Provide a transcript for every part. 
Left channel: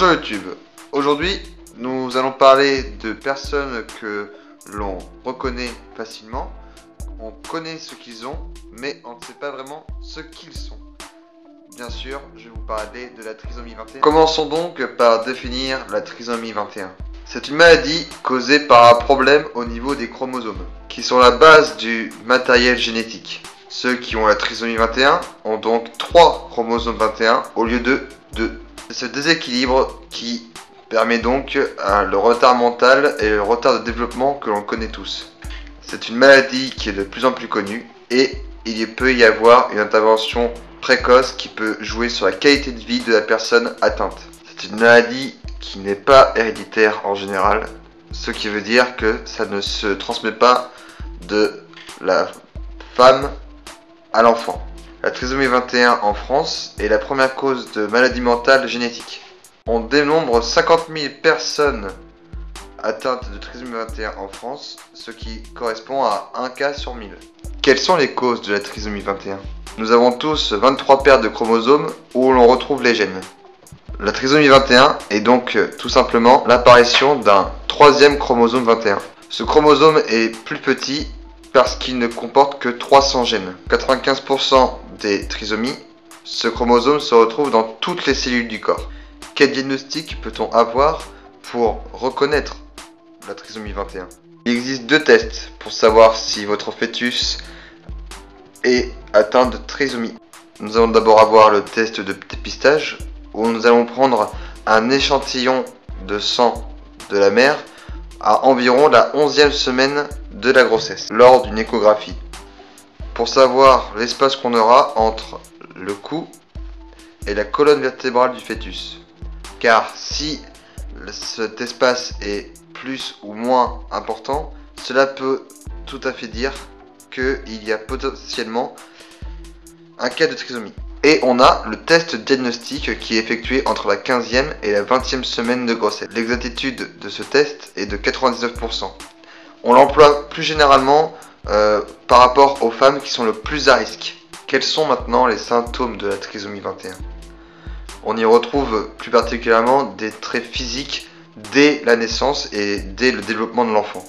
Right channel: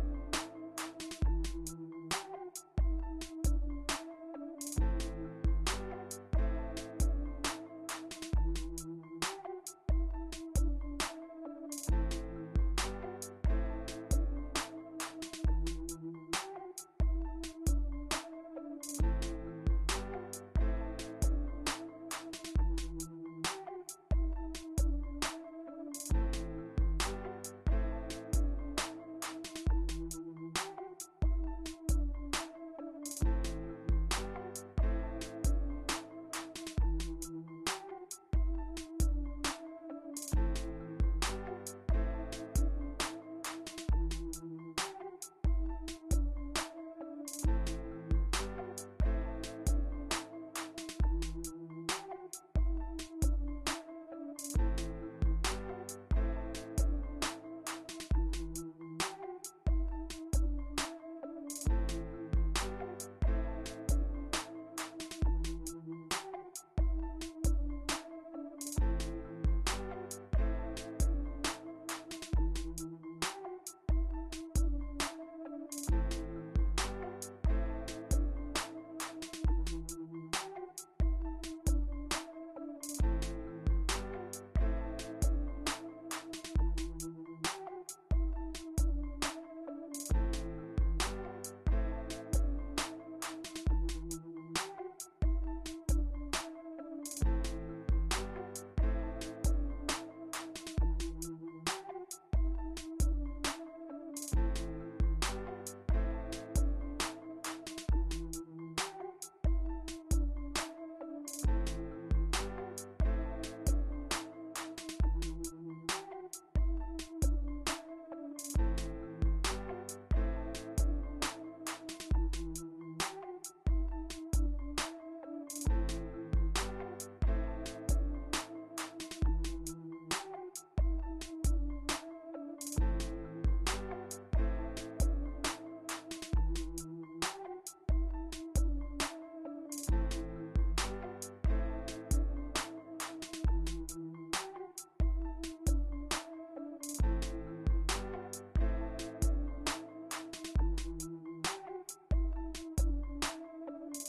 Bonjour YouTube. Aujourd'hui, nous allons parler de personnes que l'on reconnaît facilement. On connaît ce qu'ils ont, mais on ne sait pas vraiment ce qu'ils sont. Bien sûr, je vais vous parler de la trisomie 21. Commençons donc par définir la trisomie 21. C'est une maladie causée par un problème au niveau des chromosomes, qui sont la base du matériel génétique. Ceux qui ont la trisomie 21 ont donc 3 chromosomes 21 au lieu de 2. C'est ce déséquilibre qui permet donc le retard mental et le retard de développement que l'on connaît tous. C'est une maladie qui est de plus en plus connue et il peut y avoir une intervention précoce qui peut jouer sur la qualité de vie de la personne atteinte. C'est une maladie qui n'est pas héréditaire en général, ce qui veut dire que ça ne se transmet pas de la femme à l'enfant. La trisomie 21 en France est la première cause de maladie mentale génétique. On dénombre 50 000 personnes atteintes de trisomie 21 en France, ce qui correspond à 1 cas sur 1000. Quelles sont les causes de la trisomie 21 ? Nous avons tous 23 paires de chromosomes où l'on retrouve les gènes. La trisomie 21 est donc tout simplement l'apparition d'un 3e chromosome 21. Ce chromosome est plus petit parce qu'il ne comporte que 300 gènes. 95% des trisomies, ce chromosome se retrouve dans toutes les cellules du corps. Quel diagnostic peut-on avoir pour reconnaître la trisomie 21 ? Il existe 2 tests pour savoir si votre fœtus est atteint de trisomie. Nous allons d'abord avoir le test de dépistage, où nous allons prendre un échantillon de sang de la mère à environ la 11e semaine de la grossesse, lors d'une échographie, pour savoir l'espace qu'on aura entre le cou et la colonne vertébrale du fœtus. Car si cet espace est plus ou moins important, cela peut tout à fait dire qu'il y a potentiellement un cas de trisomie. Et on a le test diagnostic qui est effectué entre la 15e et la 20e semaine de grossesse. L'exactitude de ce test est de 99%. On l'emploie plus généralement par rapport aux femmes qui sont le plus à risque. Quels sont maintenant les symptômes de la trisomie 21 ? On y retrouve plus particulièrement des traits physiques dès la naissance et dès le développement de l'enfant.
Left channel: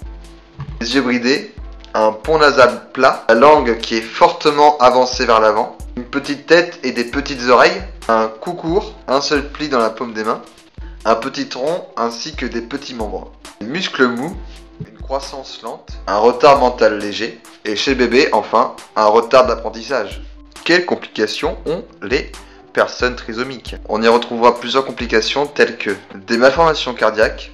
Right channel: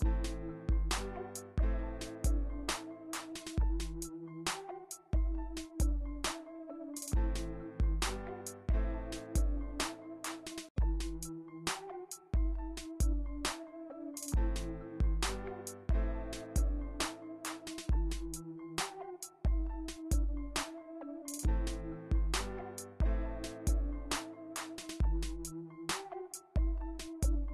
Les yeux bridés, un pont nasal plat, la langue qui est fortement avancée vers l'avant, une petite tête et des petites oreilles, un cou court, un seul pli dans la paume des mains, un petit tronc ainsi que des petits membres, des muscles mous, une croissance lente, un retard mental léger et chez le bébé enfin un retard d'apprentissage. Quelles complications ont les personnes trisomiques ? On y retrouvera plusieurs complications telles que des malformations cardiaques,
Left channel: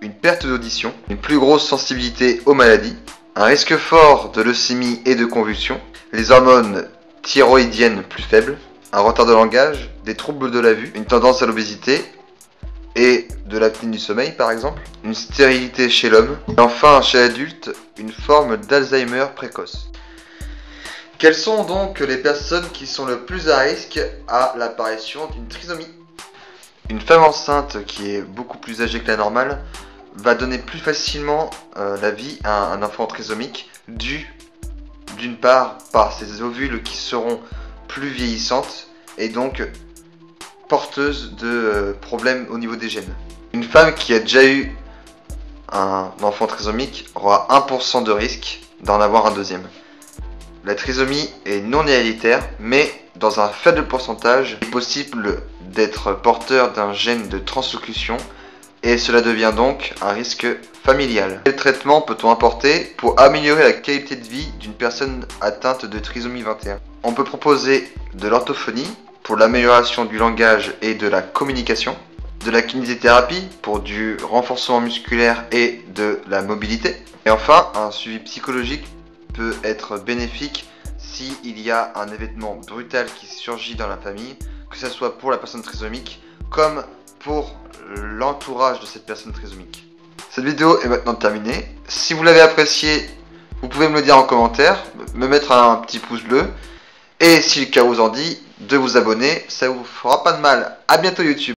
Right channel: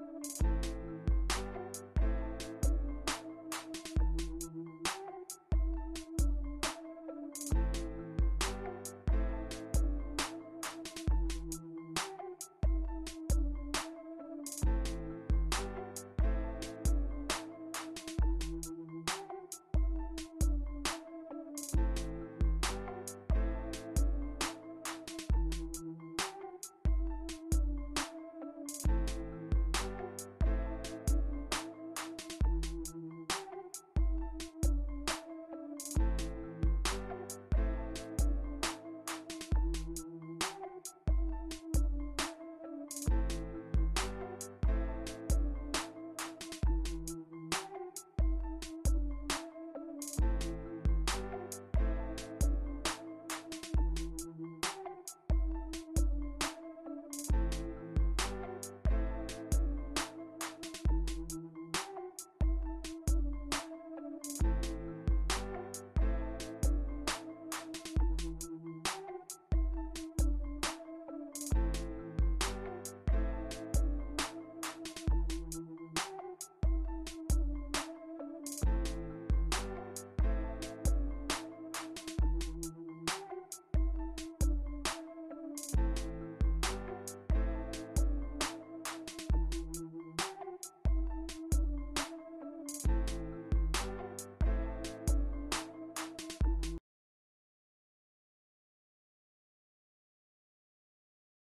une perte d'audition, une plus grosse sensibilité aux maladies, un risque fort de leucémie et de convulsions, les hormones thyroïdiennes plus faibles, un retard de langage, des troubles de la vue, une tendance à l'obésité et de l'apnée du sommeil par exemple, une stérilité chez l'homme, et enfin chez l'adulte, une forme d'Alzheimer précoce. Quelles sont donc les personnes qui sont le plus à risque à l'apparition d'une trisomie ? Une femme enceinte qui est beaucoup plus âgée que la normale va donner plus facilement la vie à un enfant trisomique dû d'une part par ses ovules qui seront plus vieillissantes et donc porteuses de problèmes au niveau des gènes. Une femme qui a déjà eu un enfant trisomique aura 1% de risque d'en avoir un deuxième. La trisomie est non héréditaire, mais dans un faible pourcentage, il est possible d'être porteur d'un gène de translocution et cela devient donc un risque familial. Quel traitement peut-on apporter pour améliorer la qualité de vie d'une personne atteinte de trisomie 21 ? On peut proposer de l'orthophonie pour l'amélioration du langage et de la communication, de la kinésithérapie pour du renforcement musculaire et de la mobilité, et enfin un suivi psychologique peut être bénéfique s'il y a un événement brutal qui surgit dans la famille, que ce soit pour la personne trisomique comme pour l'entourage de cette personne trisomique. Cette vidéo est maintenant terminée. Si vous l'avez appréciée, vous pouvez me le dire en commentaire, me mettre un petit pouce bleu, et si le cas vous en dit, de vous abonner, ça vous fera pas de mal. À bientôt YouTube.